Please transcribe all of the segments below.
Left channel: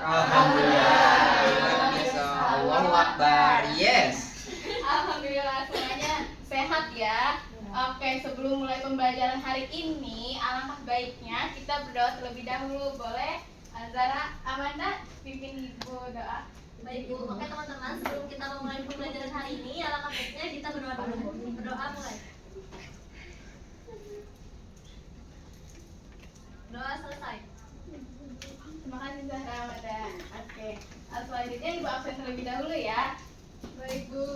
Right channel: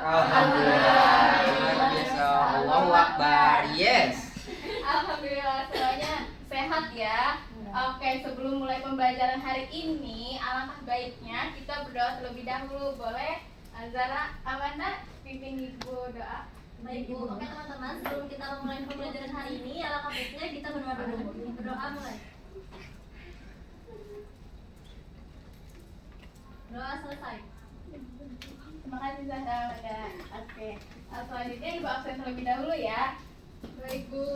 Alhamdulillah. Luar biasa. Allahu Akbar. Yes. Alhamdulillah semuanya sehat ya. Oke, sebelum mulai pembelajaran hari ini, alangkah baiknya kita berdoa terlebih dahulu. Boleh? Zara, Amanda, pimpin ibu doa. Baik Bu, oke teman-teman, sebelum kita memulai pembelajaran hari ini, alangkah baiknya kita berdoa dulu. Berdoa mulai. Doa selesai. Terima kasih Zahra, Amanda. Oke, selanjutnya ibu absen terlebih dahulu ya. Baik Bu.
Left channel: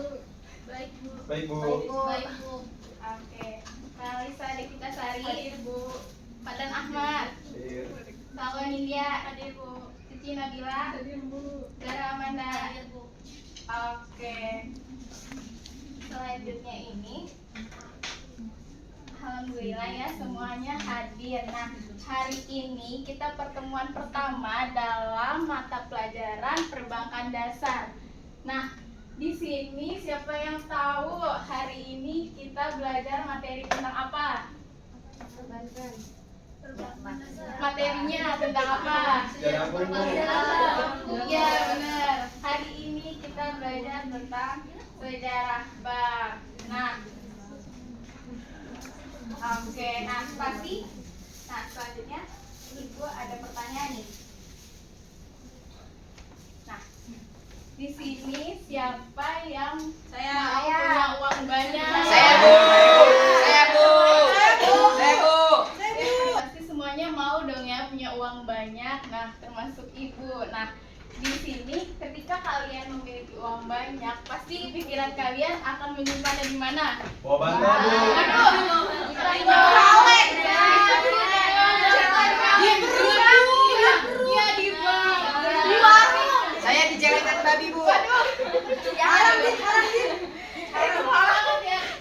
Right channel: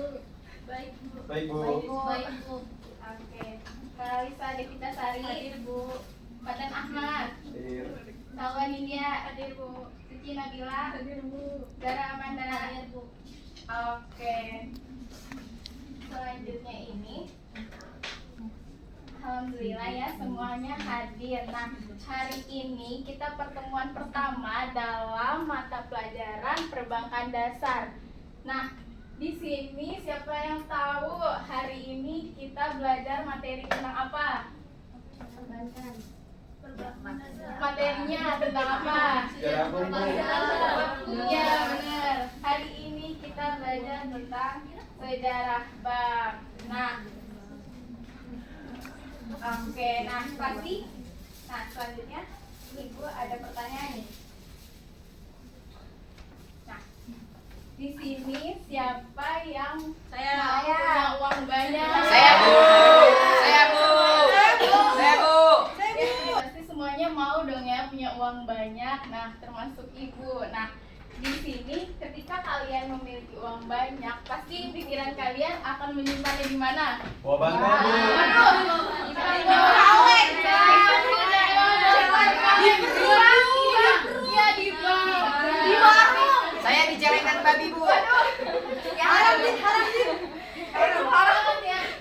Baik Bu. Baik Bu. Baik Bu. Oke, Kalisa Devita Sari. Hadir Bu. Fatan Ahmad. Hadir. Salwa Nindya. Hadir Bu. Suci Nabila. Hadir Bu. Zara Amanda. Hadir Bu. Oke. Selanjutnya ini alhamdulillah ya semuanya hadir. Nah, hari ini kita pertemuan pertama dalam mata pelajaran perbankan dasar. Nah, di sini siapa yang tahu hari ini kita belajar materi tentang apa? Materinya tentang apa? Sejarah umum. Iya benar. Hari ini kita belajar tentang sejarah bank. Nah, oke. Nah pasti. Nah selanjutnya ibu ada pertanyaan nih. Nah, di sini siapa yang mau punya uang banyak? Saya Bu. Saya Bu. Saya Bu. Pasti semuanya mau dong ya punya uang banyak. Nah, termasuk ibu. Nah, di sini ketika kalian memiliki uang banyak, pasti pikiran kalian akan menyimpannya di mana? Bawa bangga Bu. Iya di bank. Saya dijelekan babi Bu. Ya,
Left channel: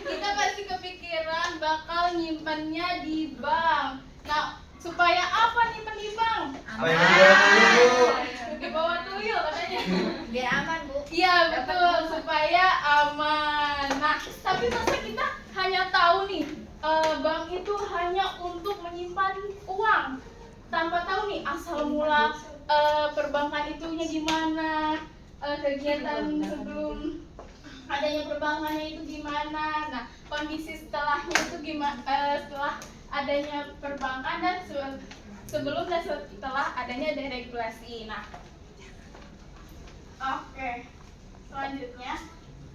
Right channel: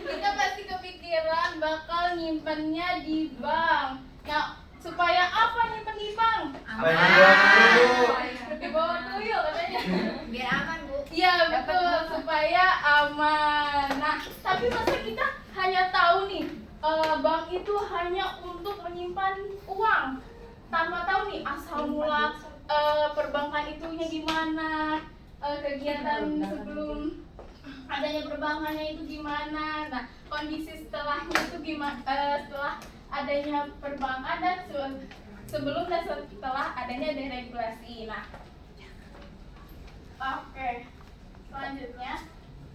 kita pasti kepikiran bakal nyimpannya di bank. Nah, supaya apa nyimpan di bank? Baik Bu. Di bawah tuyul katanya. Biar aman Bu. Iya betul, supaya aman. Nah, tapi masa kita hanya tahu nih, bank itu hanya untuk menyimpan uang, tanpa tahu nih asal mula perbankan itunya gimana, kegiatan sebelum adanya perbankannya itu gimana. Nah, kondisi setelahnya itu gimana, setelah adanya perbankan dan sebelum dan setelah adanya deregulasi. Nah, oke. Selanjutnya,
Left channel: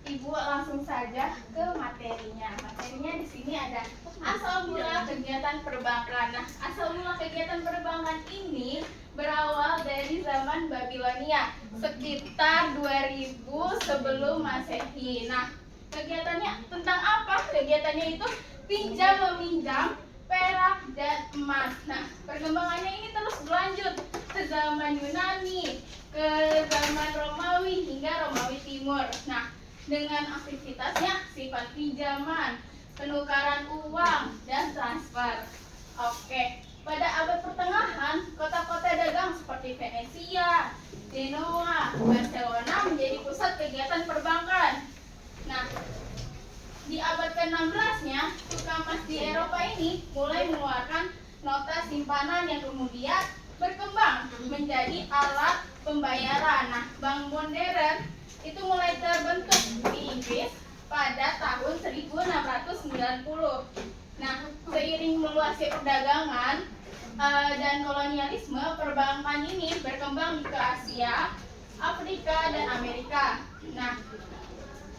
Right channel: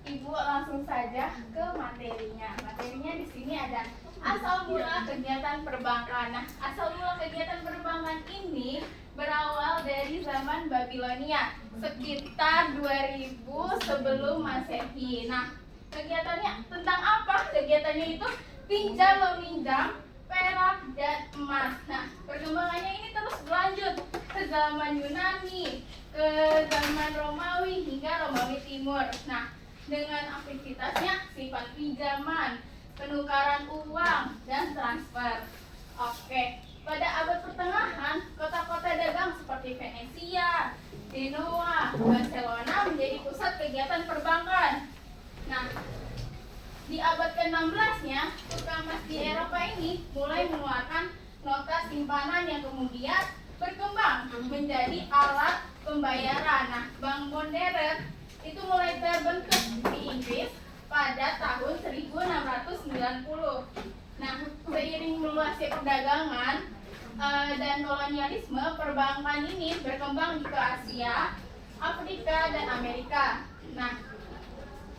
Ibu langsung saja ke materinya. Materinya di sini ada asal mula kegiatan perbankan. Nah, asal mula kegiatan perbankan ini berawal dari zaman Babilonia sekitar 2000 sebelum Masehi. Nah, kegiatannya tentang apa? Kegiatannya itu pinjam meminjam perak dan emas. Nah, perkembangannya ini terus berlanjut ke zaman Yunani, ke zaman Romawi hingga Romawi Timur. Nah, dengan aktivitasnya sifat pinjaman, penukaran uang, dan transfer. Oke, pada abad pertengahan, kota-kota dagang seperti Venesia, Genoa, Barcelona menjadi pusat kegiatan perbankan. Nah, di abad ke-16-nya, tukang emas di Eropa ini mulai mengeluarkan nota simpanan yang kemudian berkembang menjadi alat pembayaran. Nah, bank modern itu mulai terbentuk di Inggris pada tahun 1690. Nah, seiring meluasnya perdagangan dan kolonialisme, perbankan ini berkembang ke Asia, Afrika, dan Amerika. Nah,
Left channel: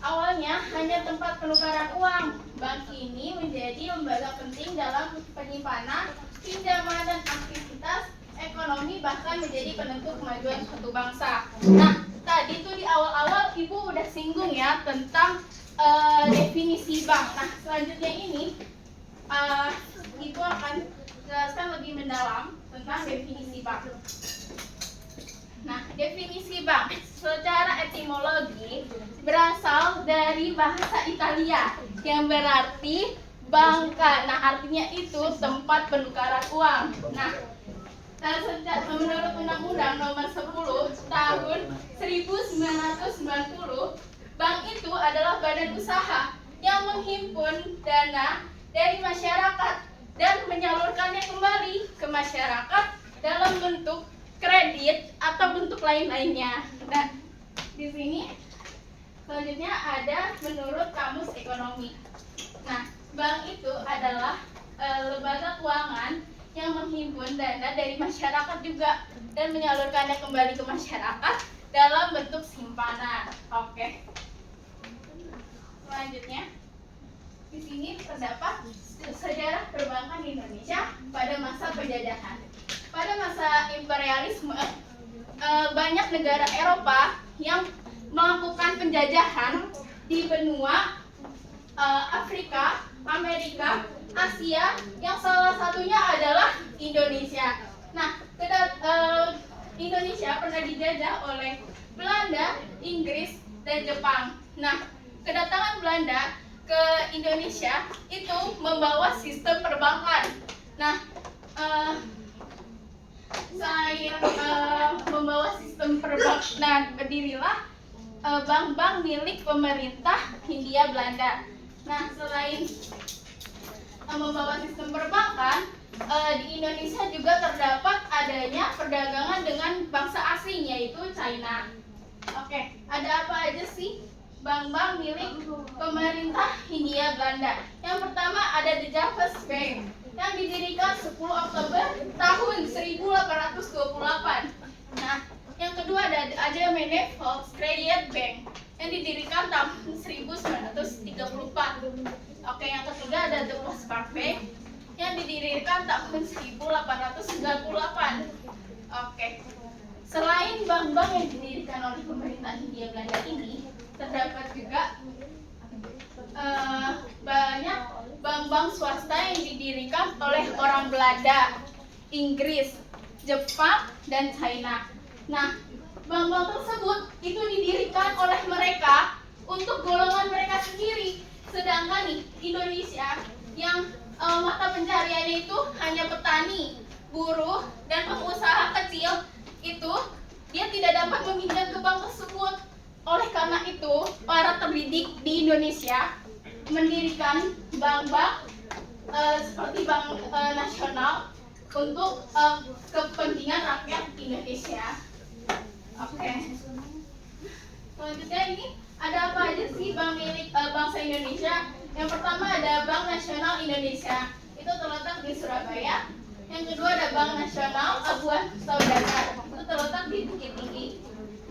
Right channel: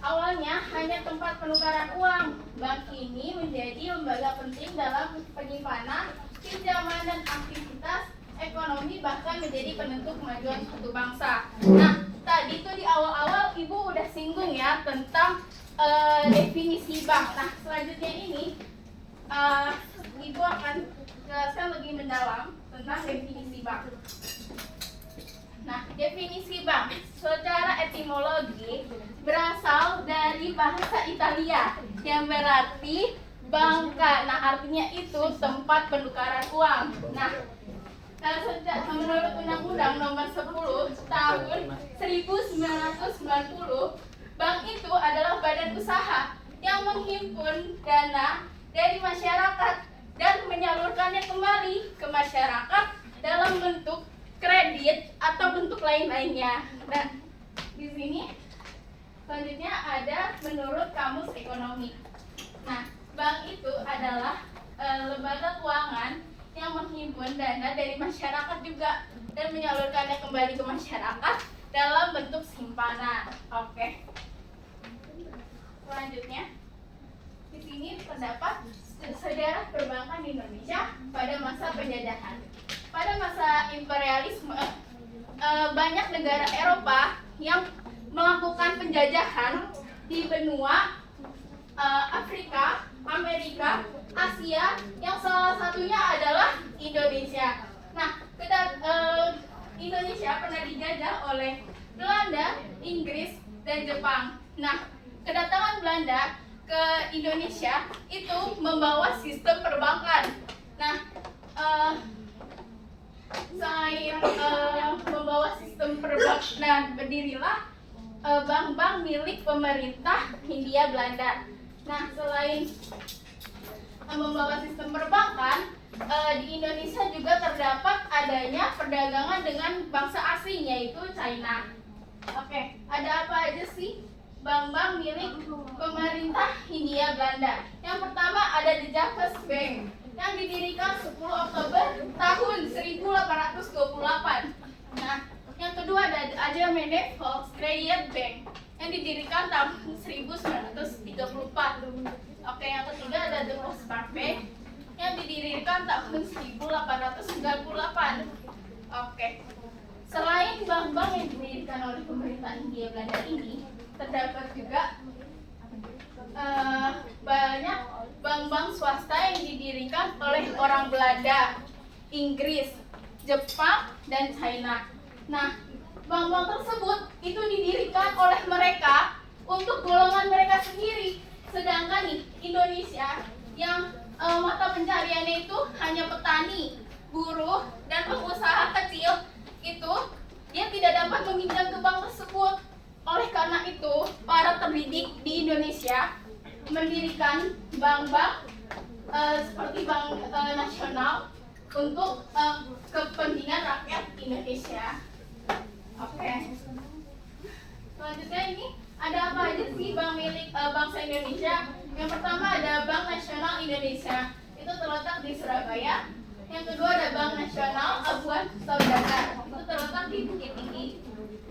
awalnya hanya tempat penukaran uang, bank ini menjadi lembaga penting dalam penyimpanan, pinjaman, dan aktivitas ekonomi, bahkan menjadi penentu kemajuan suatu bangsa. Nah, tadi tuh di awal-awal Ibu udah singgung ya tentang definisi bank. Nah, selanjutnya ini Ibu akan jelaskan lebih mendalam tentang definisi bank. Nah, definisi bank secara etimologi berasal dari bahasa Italia yang berarti bangka. Nah, artinya itu tempat penukaran uang. Nah, menurut Undang-Undang Nomor 10 Tahun 1990, bank itu adalah badan usaha yang menghimpun dana dari masyarakat dan menyalurkannya kembali ke masyarakat dalam bentuk kredit atau bentuk lain-lainnya. Dan di sini selanjutnya ada menurut Kamus Ekonomi. Nah, bank itu adalah lembaga keuangan yang menghimpun dana dari masyarakat juga dan menyalurkannya kembali ke masyarakat dalam bentuk simpanan. Oke. Selanjutnya, di sini terdapat sejarah perbankan di Indonesia pada masa penjajahan. Pada masa imperialisme, banyak negara Eropa yang melakukan penjajahan di benua Afrika, Amerika, Asia, yang salah satunya adalah Indonesia. Nah, Indonesia pernah dijajah oleh Belanda, Inggris, dan Jepang. Nah, kedatangan Belanda ke Indonesia itu membawa sistem perbankan. Nah, selain membawa sistem perbankan, berdirilah bank-bank milik pemerintah Hindia Belanda. Nah, selain membawa sistem perbankan, di Indonesia juga terdapat adanya perdagangan dengan bangsa asing, yaitu China. Oke, ada apa aja sih bank-bank milik pemerintah Hindia Belanda? Yang pertama ada The Javas Bank yang didirikan 10 Oktober tahun 1828. Nah, yang kedua ada Aljamaine Volkskrediet Bank yang didirikan tahun 1934. Oke, yang ketiga ada The Postmark Bank yang didirikan tahun 1898. Oke. Selain bank-bank yang didirikan oleh pemerintah Hindia Belanda ini, terdapat juga banyak bank-bank swasta yang didirikan oleh orang Belanda, Inggris, Jepang, dan China. Nah, bank-bank tersebut itu didirikan oleh mereka untuk golongan mereka sendiri. Sedangkan nih, Indonesia yang mata pencariannya itu hanya petani, buruh, dan pengusaha kecil, itu dia tidak dapat meminjam ke bank tersebut. Oleh karena itu, para terdidik di Indonesia mendirikan bank-bank seperti Bank Nasional untuk kepentingan rakyat Indonesia. Oke. Selanjutnya ini ada apa aja sih bank milik bangsa Indonesia? Yang pertama ada Bank Nasional Indonesia, itu terletak di Surabaya. Yang kedua ada Bank Nasional Abuan Saudagar, itu terletak di Bukit Tinggi.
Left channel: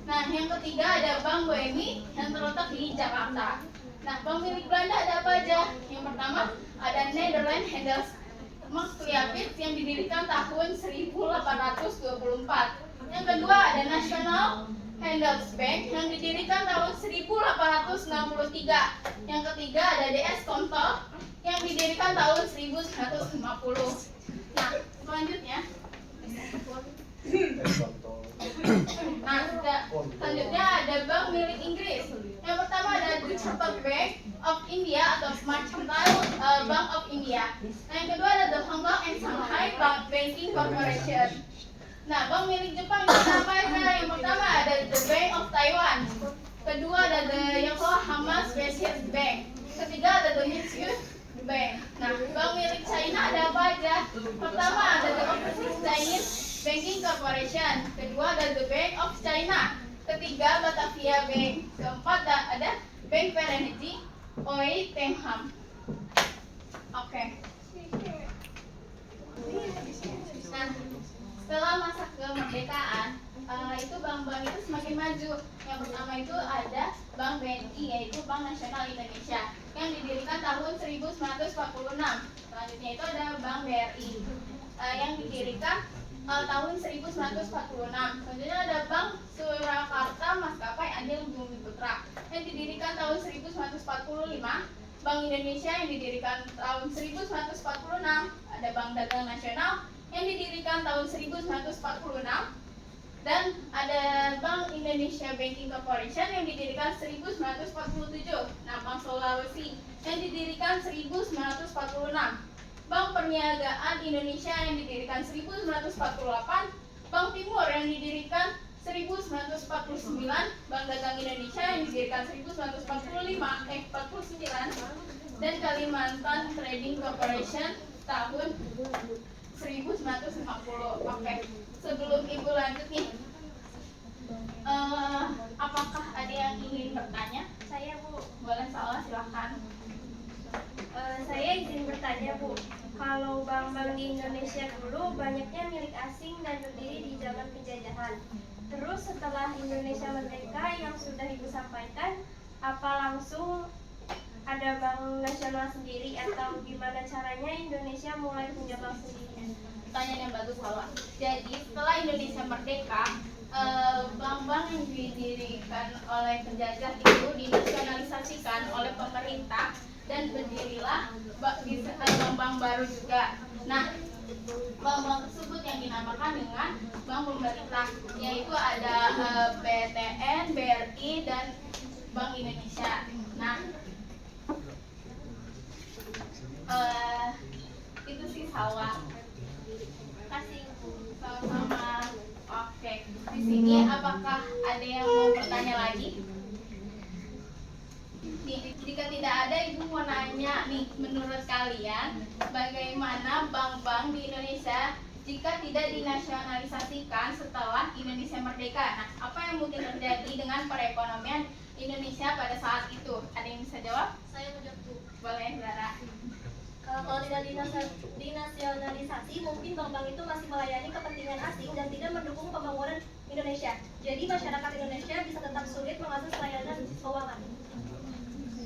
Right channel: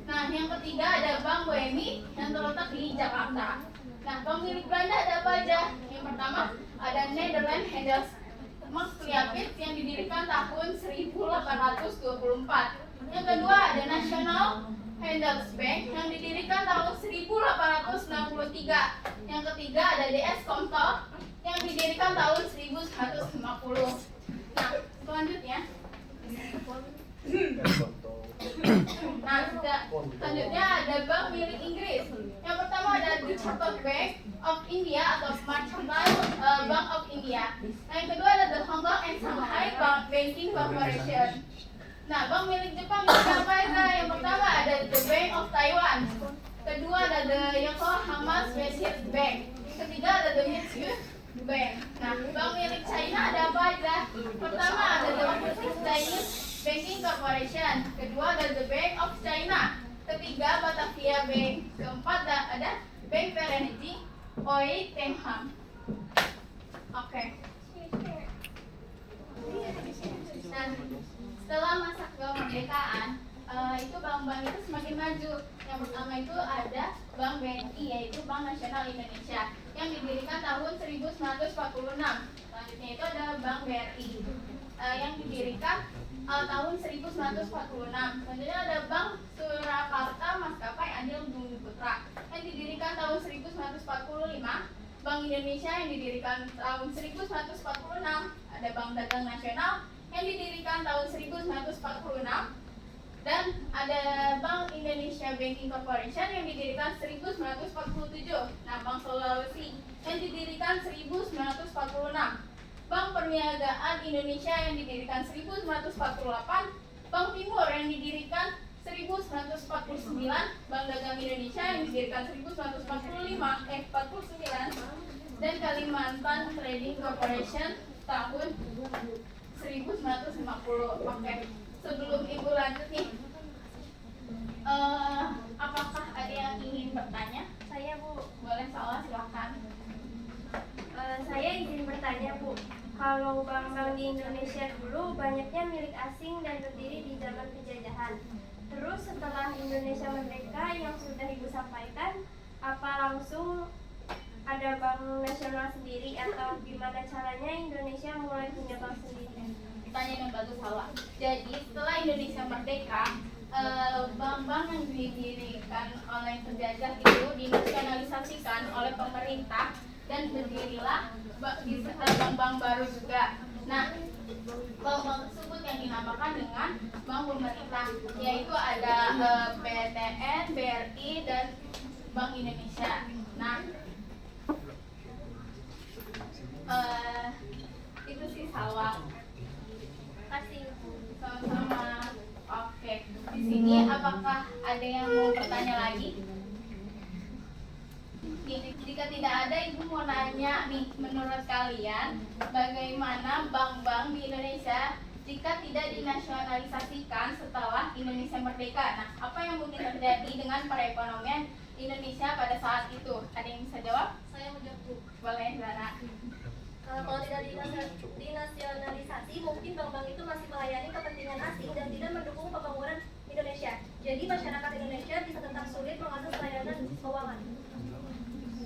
Nah, yang ketiga ada Bank BNI yang terletak di Jakarta. Nah, bank milik Belanda ada apa aja? Yang pertama ada Nederland Handelsbank yang didirikan tahun 1824. Yang kedua ada National Handelsbank yang didirikan tahun 1863. Yang ketiga ada DS Komtel yang didirikan tahun 1950. Nah, selanjutnya selanjutnya ada bank milik Inggris. Yang pertama ada The Chartered Bank of India atau Mercantile Bank of India. Nah, yang kedua ada The Hong Kong and Shanghai Banking Corporation. Nah, bank milik Jepang itu apa ya? Yang pertama ada The Bank of Taiwan. Kedua ada The Yokohama Specialist Bank. Ketiga ada The Mitsui Bank. Nah, bank milik China ada apa aja? Pertama ada The Overseas Chinese Banking Corporation. Kedua ada The Bank of China. Ketiga Batavia Bank. Keempat ada Bank Perenity Oi Tengham. Oke. Nah, setelah masa kemerdekaan, itu bank-bank itu semakin maju. Yang pertama itu ada Bank BNI, yaitu Bank Nasional Indonesia, yang didirikan tahun 1946. Selanjutnya itu ada Bank BRI, yang didirikan tahun 1946. Selanjutnya ada Bank Surakarta Maskapai Adil Bumi Putra, yang didirikan tahun 1945. Bank Indonesia yang didirikan tahun 1946. Ada Bank Dagang Nasional yang didirikan tahun 1946. Dan ada Bank Indonesia Banking Corporation yang didirikan 1947. Nah, Bank Sulawesi yang didirikan 1946. Bank Perniagaan Indonesia yang didirikan 1948. Bank Timur yang didirikan 1949. Bank Dagang Indonesia yang didirikan 1949. Dan Kalimantan Trading Corporation tahun 1950. Oke. Sebelum Ibu lanjut nih, Indonesia dulu banyaknya milik asing dan berdiri di zaman penjajahan. Terus setelah Indonesia merdeka yang sudah Ibu sampaikan, apa langsung ada bank nasional sendiri atau gimana caranya Indonesia mulai punya bank sendiri? Pertanyaan yang bagus, Hawa. Jadi setelah Indonesia merdeka, bank-bank yang didirikan oleh penjajah itu dinasionalisasikan oleh pemerintah dan berdirilah bank-bank baru juga. Nah, bank-bank tersebut yang dinamakan dengan bank pemerintah, yaitu ada BTN, BRI, dan Bank Indonesia. Nah, itu sih Salwa. Kasih Ibu. Sama-sama. Oke. Di sini apakah ada yang mau bertanya lagi? Jika tidak ada, Ibu mau nanya nih, menurut kalian bagaimana bank-bank di Indonesia jika tidak dinasionalisasikan setelah Indonesia merdeka? Nah, apa yang mungkin terjadi dengan perekonomian Indonesia pada saat itu? Ada yang bisa jawab? Saya mau jawab, Bu. Boleh, Zara. Kalau tidak dinasionalisasi, mungkin bank-bank itu masih melayani kepentingan asing dan tidak mendukung pembangunan Indonesia. Jadi masyarakat Indonesia bisa tetap sulit mengakses layanan keuangan.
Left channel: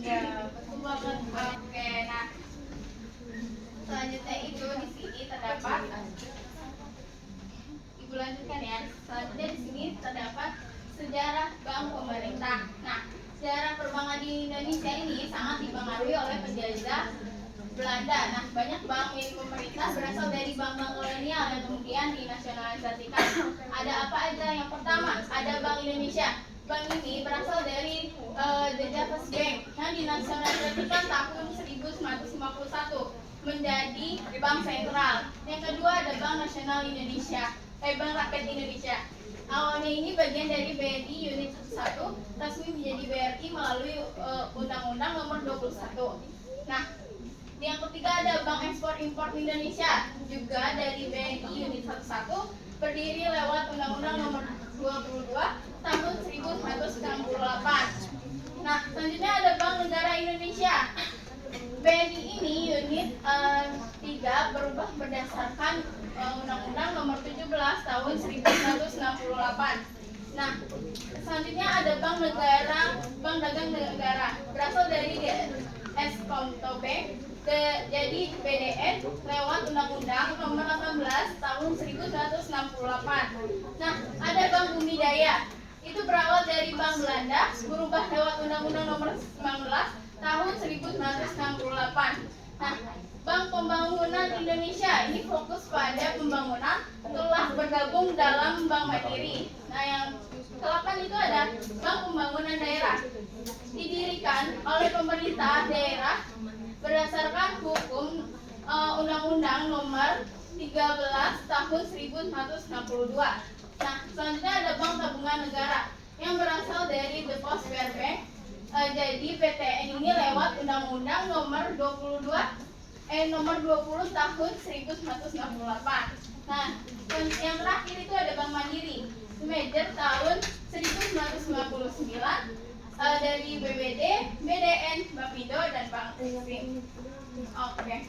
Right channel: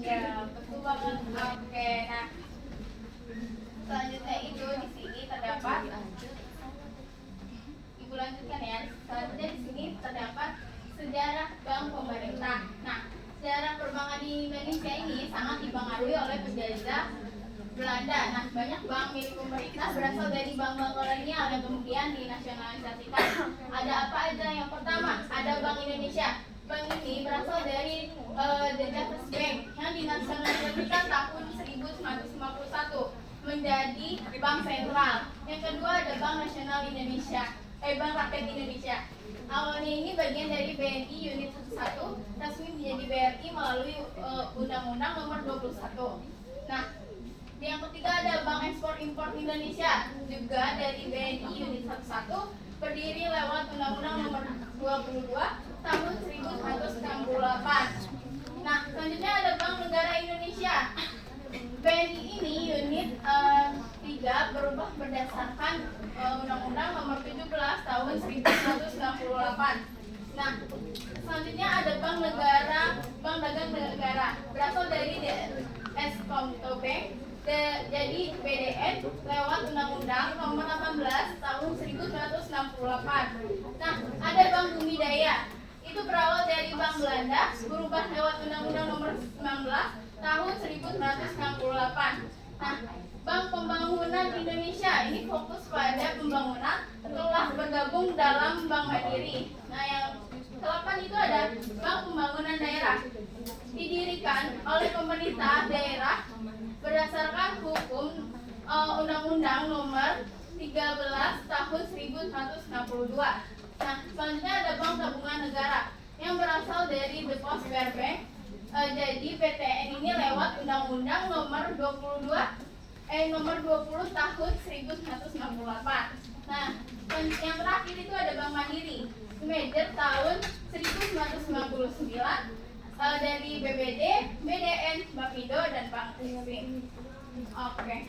Ya, betul banget. Oke, nah selanjutnya itu di sini terdapat, Ibu lanjutkan ya. Selanjutnya di sini terdapat sejarah bank pemerintah. Nah, sejarah perbankan di Indonesia ini sangat dipengaruhi oleh penjajah Belanda. Nah, banyak bank milik pemerintah berasal dari bank-bank kolonial yang kemudian dinasionalisasikan. Ada apa aja? Yang pertama, ada Bank Indonesia. Bank ini berasal dari The Java Bank yang dinasionalisasikan tahun 1951 menjadi bank sentral. Yang kedua ada Bank Nasional Indonesia, Bank Rakyat Indonesia. Awalnya ini bagian dari BNI Unit 11, resmi menjadi BRI melalui Undang-Undang Nomor 21. Nah, yang ketiga ada Bank Ekspor Impor Indonesia, juga dari BNI Unit 11, berdiri lewat Undang-Undang Nomor 22 tahun 1968. Nah, selanjutnya ada Bank Negara Indonesia. BNI ini unit 3 berubah berdasarkan Undang-Undang Nomor 17 tahun 1968. Nah, selanjutnya ada Bank Negara, Bank Dagang Negara, berasal dari Eskomto Bank, jadi BDN lewat Undang-Undang Nomor 18 tahun 1968. Nah, ada Bank Bumi Daya. Itu berawal dari Bank Belanda, berubah lewat Undang-Undang Nomor 19 tahun 1968. Nah, Bank Pembangunan Indonesia ini fokus pada pembangunan telah bergabung dalam Bank Mandiri. Nah, yang ke-8 itu ada Bank Pembangunan Daerah. Didirikan oleh pemerintah daerah berdasarkan hukum Undang-Undang Nomor 13 tahun 1962. Nah, selanjutnya ada Bank Tabungan Negara yang berasal dari The Postpaid Bank. Jadi PTN ini lewat Undang-Undang Nomor 20 tahun 1968. Nah, yang terakhir itu ada Bank Mandiri. Merger tahun 1999 dari BBD, BDN, Bapindo, dan Bank Eksim. Oke.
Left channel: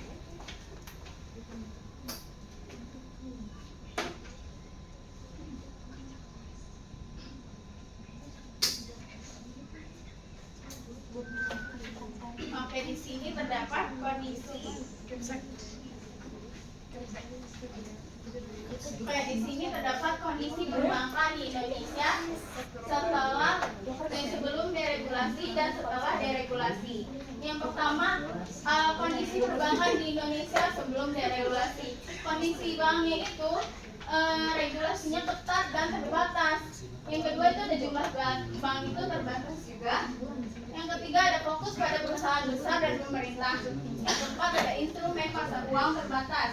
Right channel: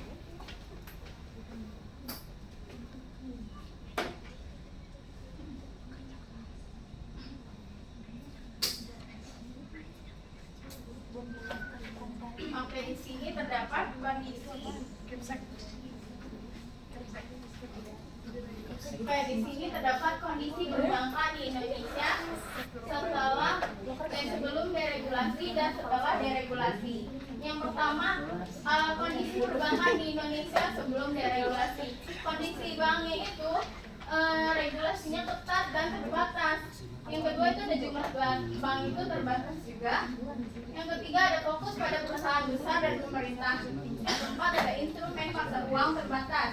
Oke, di sini terdapat kondisi. Oke, di sini terdapat kondisi perbankan di Indonesia setelah dan sebelum deregulasi dan setelah deregulasi. Yang pertama, kondisi perbankan di Indonesia sebelum deregulasi. Kondisi banknya itu regulasinya ketat dan terbatas. Yang kedua itu ada jumlah bank itu terbatas juga. Yang ketiga ada fokus pada perusahaan besar dan pemerintah. Yang keempat ada instrumen pasar uang terbatas.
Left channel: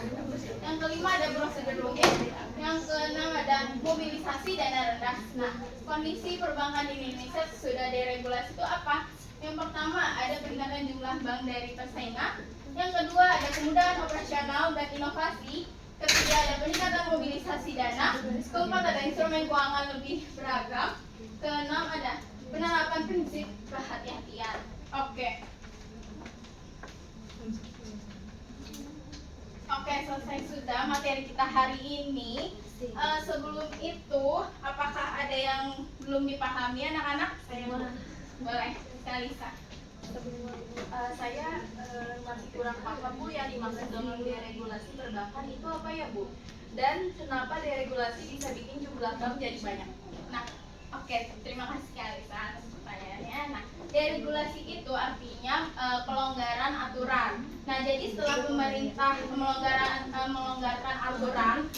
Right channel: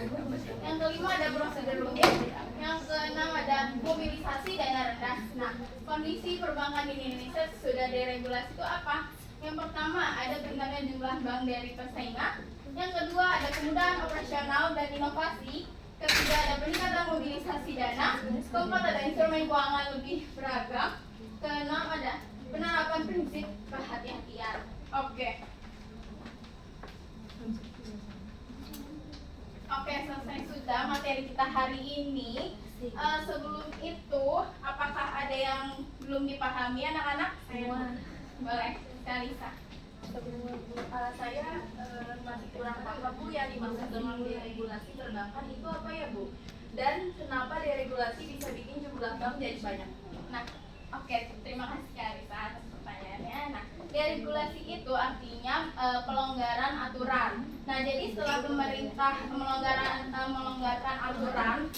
Yang kelima ada prosedur rumit. Yang keenam ada mobilisasi dana rendah. Nah, kondisi perbankan di Indonesia sudah deregulasi itu apa? Yang pertama ada peningkatan jumlah bank dari persaingan. Yang kedua ada kemudahan operasional dan inovasi. Ketiga ada peningkatan mobilisasi dana. Keempat ada instrumen keuangan lebih beragam. Keenam ada penerapan prinsip kehati-hatian. Oke, selesai sudah. Sebelum itu, apakah ada yang belum dipahami anak-anak? Boleh, Kalisa. Saya masih kurang paham Bu yang dimaksud dengan deregulasi perbankan itu apa ya Bu? Dan kenapa deregulasi bisa bikin jumlah bank jadi banyak? Nah, oke, terima kasih Kalisa atas pertanyaannya. Nah, deregulasi itu artinya pelonggaran aturan. Nah, jadi setelah pemerintah melonggarkan aturan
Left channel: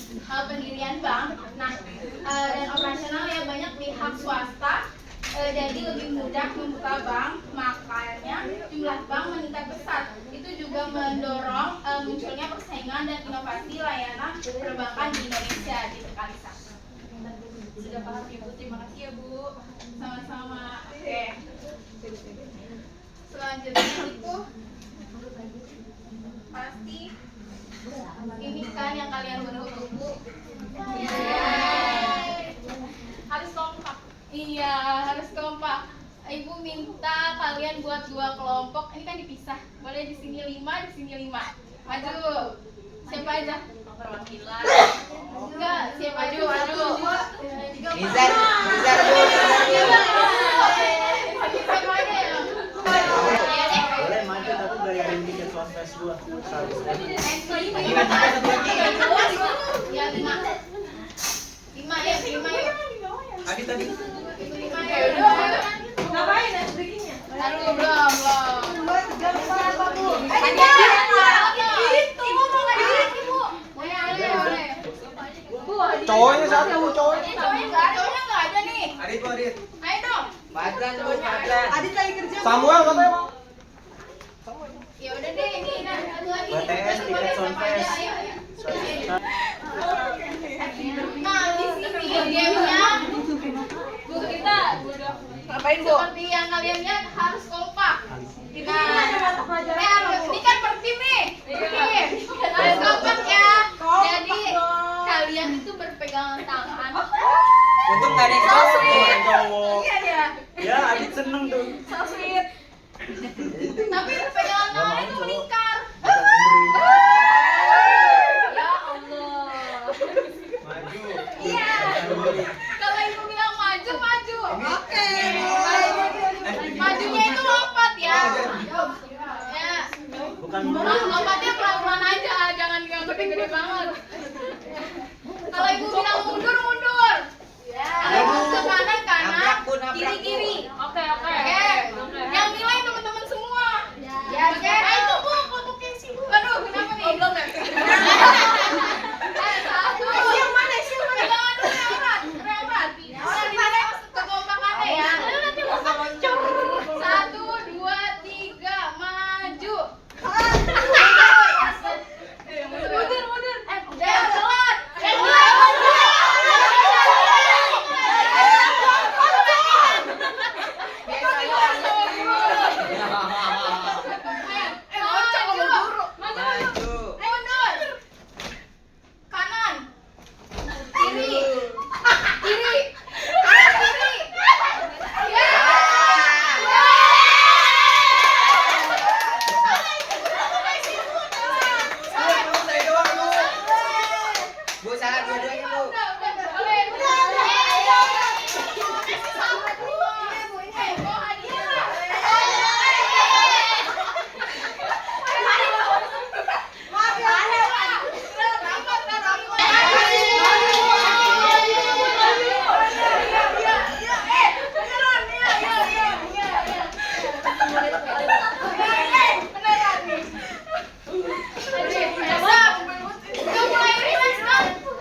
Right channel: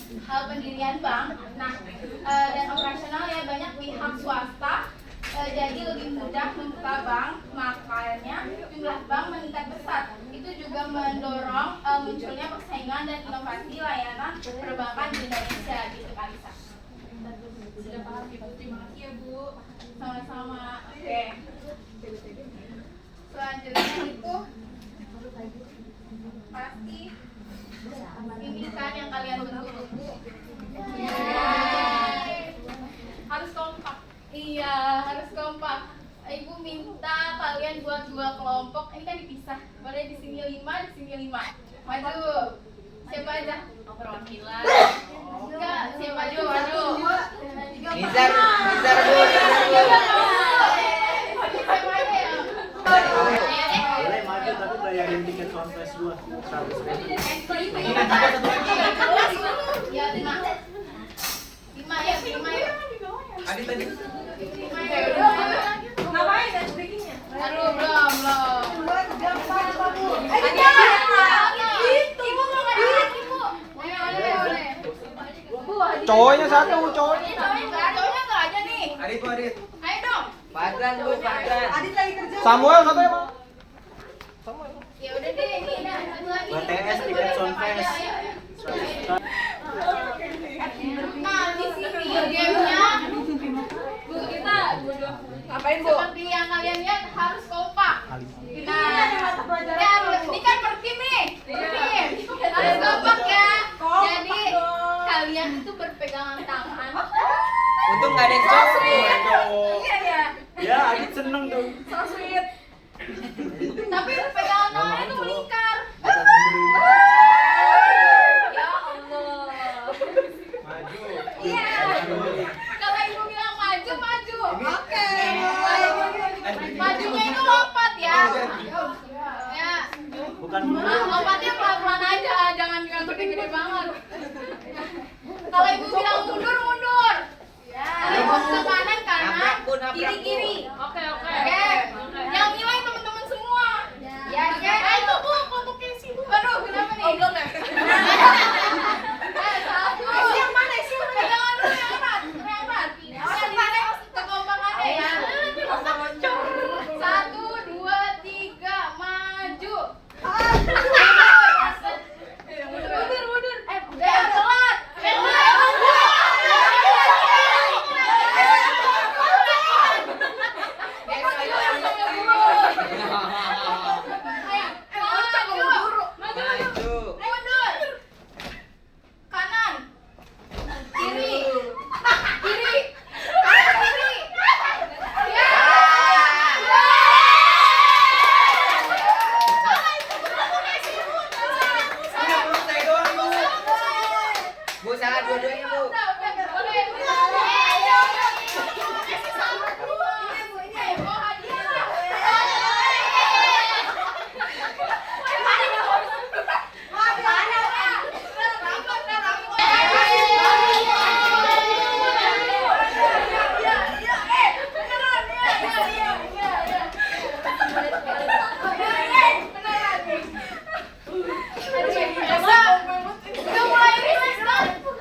pendirian bank, nah dan operasional ya banyak pihak swasta jadi lebih mudah membuka bank, makanya jumlah bank meningkat pesat. Itu juga mendorong munculnya persaingan dan inovasi layanan perbankan di Indonesia gitu Kalisa. Sudah paham Ibu, terima kasih ya Bu. Sama-sama. Oke. Selanjutnya itu pasti ini kan yang kalian tunggu-tunggu. Harus kompak. Iya, harus kompak. Ibu minta kalian buat 2 kelompok. Ini kan dipisah. Boleh di sini 5, di sini 5. Maju. Siapa aja? Perwakilan. Enggak, siapa aja? Maju. Nizar Bu. Siapa aja ya? Boleh maju tapi bayarin tiket kontes dulu 100.000. Ya, 5 ya, 5 ya. Tadi tadi. 5 ya. Ngapain ya bikinnya? Aduh, belum. Cowoknya satu, cowoknya. Cowoknya nggak ada nih. Adit. Ayo dong. Padran Bu, Padran. Samuel katanya. Ya udah deh, ini satu lagi. BTS tiket kontes. Nah, di sini gamenya Bu kita Ngapain Bu? seperti yang kalian lihat harus kompak. Ini kan per tim nih. Harus kompak ya. Jadi kalian itu berpegangan tangan. Untung nggak ada yang cowok. Ya, Adit seneng tuh. Tapi berpegangan tangannya tuh melingkar. Ya Allah. Maju. Iya. Kalau ibu bilang maju, maju. Oke. Majunya itu lompat ya. Ya. Bukan Lompatnya pelan-pelan aja, jangan yang gede-gede banget. Kalau ibu bilang mundur, mundur. Kalau ibu ke kanan, Nabrak, Bu, nabrak, Bu. kiri. Oke. Oke. Yang nilai teman-teman semua. Ya. Oke. Itu Bu, kelompoknya sih Bu. Aduh, kenapa nih? Belum ya? Satu. Yang mana? Pegangan dulu yang erat. Kekompakannya ya. 1, 2, 3, maju. Mundur. Udah telat. Maju. Mundur. Kanan. Kiri. Ya. Saya doang Bu. Bu salah dua-duanya Bu.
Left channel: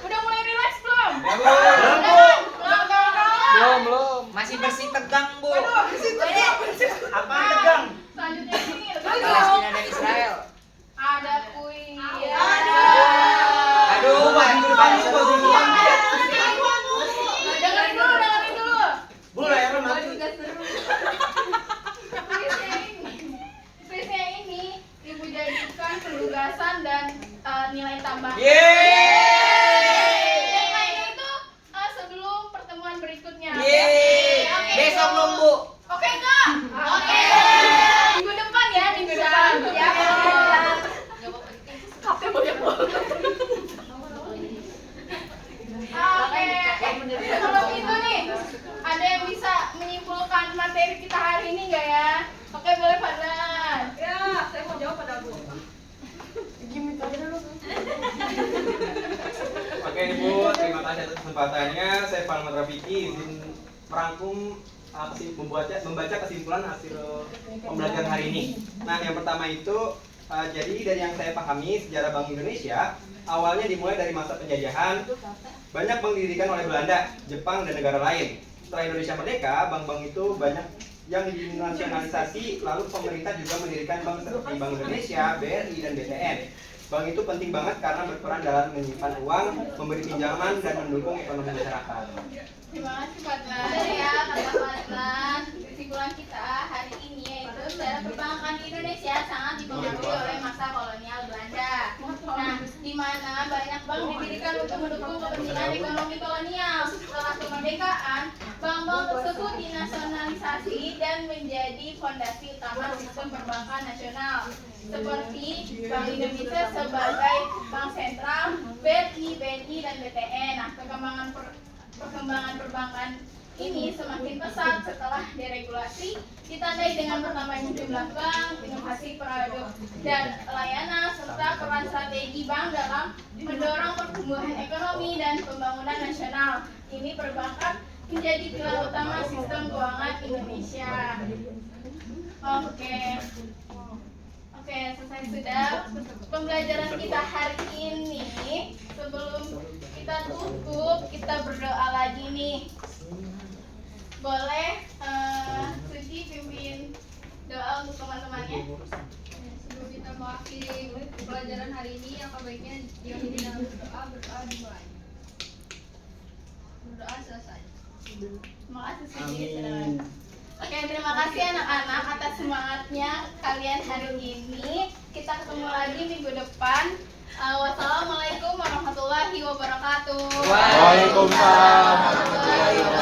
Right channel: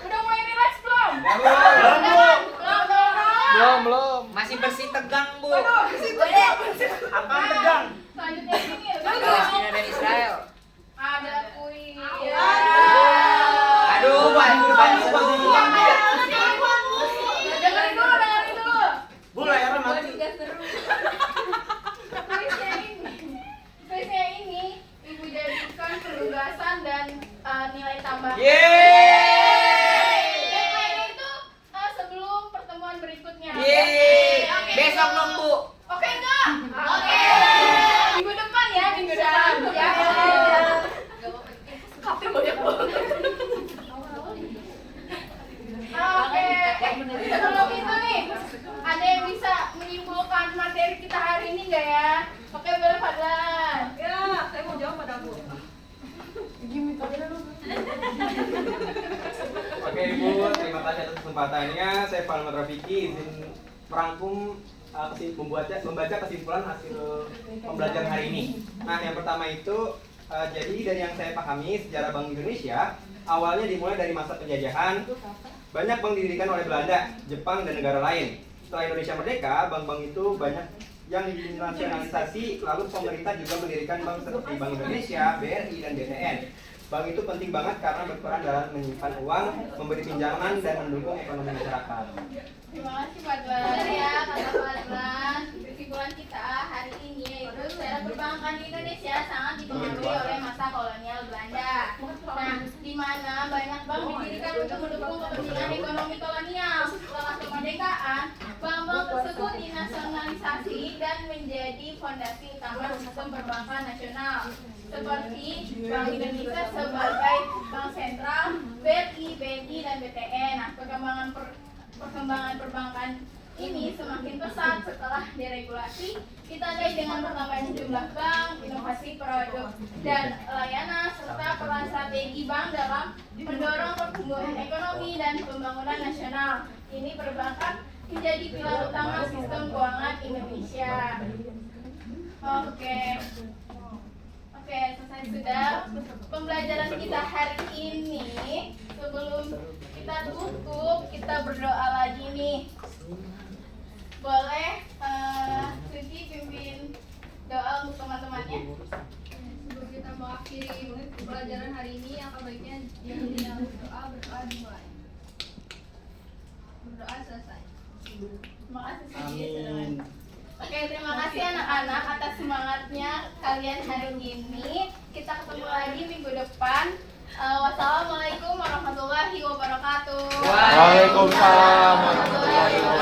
Udah mulai relax belum? Belum. Masih bersih tegang Bu. apa tegang? Selanjutnya sini. Palestina dan Israel. Ada kuis. Aduh, bantu. Dengerin dulu. Bu, layar mati. Kuisnya ini Ibu jadikan penugasan dan nilai tambah. Yeay. Dan mainnya itu sebelum pertemuan berikutnya. Yeay. Oke, Besok itu. nunggu. Oke enggak? Oke. Minggu depan ya, minggu depan. Ya. perkenalan materi kita hari ini nggak ya? Oke, boleh Fadlan. Ya, saya mau jawab pada Bu. Oke Ibu, terima kasih atas kesempatannya. Saya Palmat Rafiki izin merangkum membaca kesimpulan hasil pembelajaran hari ini. Nah, yang pertama itu jadi dari yang saya pahami sejarah Bank Indonesia awalnya dimulai dari masa penjajahan. Banyak bank didirikan oleh Belanda, Jepang, dan negara lain. Setelah Indonesia merdeka, bank-bank itu banyak yang dinasionalisasi, lalu pemerintah juga mendirikan bank seperti Bank Indonesia, BRI, dan BTN. Bank itu penting banget karena berperan dalam menyimpan uang, memberi pinjaman, dan mendukung ekonomi masyarakat. Terima kasih Fadlan. Benar ya kata Fadlan. Kesimpulan kita hari ini yaitu sejarah perbankan di Indonesia sangat dipengaruhi oleh masa kolonial Belanda. Nah, di mana banyak bank didirikan untuk mendukung kepentingan ekonomi kolonial. Setelah kemerdekaan, bank-bank tersebut dinasionalisasi dan menjadi fondasi utama sistem perbankan nasional. Seperti Bank Indonesia sebagai bank sentral, BRI, BNI, dan BTN. Nah, perkembangan perbankan ini semakin pesat setelah deregulasi, ditandai dengan bertambahnya jumlah bank, inovasi produk dan layanan, serta peran strategi bank dalam mendorong pertumbuhan ekonomi dan pembangunan nasional. Ini perbankan menjadi pilar utama sistem keuangan Indonesia. Oke, selesai sudah pembelajaran kita hari ini. Sebelum kita tutup, kita berdoa lagi nih. Boleh Suci pimpin doa untuk teman-temannya. Sebelum kita mengakhiri pelajaran hari ini, yang baiknya diakhiri dengan berdoa dimulai. Berdoa selesai. Terima kasih Suci. Oke, terima kasih anak-anak atas semangatnya kalian hari ini. Kita ketemu lagi minggu depan. Wassalamualaikum warahmatullahi wabarakatuh. Waalaikumsalam warahmatullahi wabarakatuh.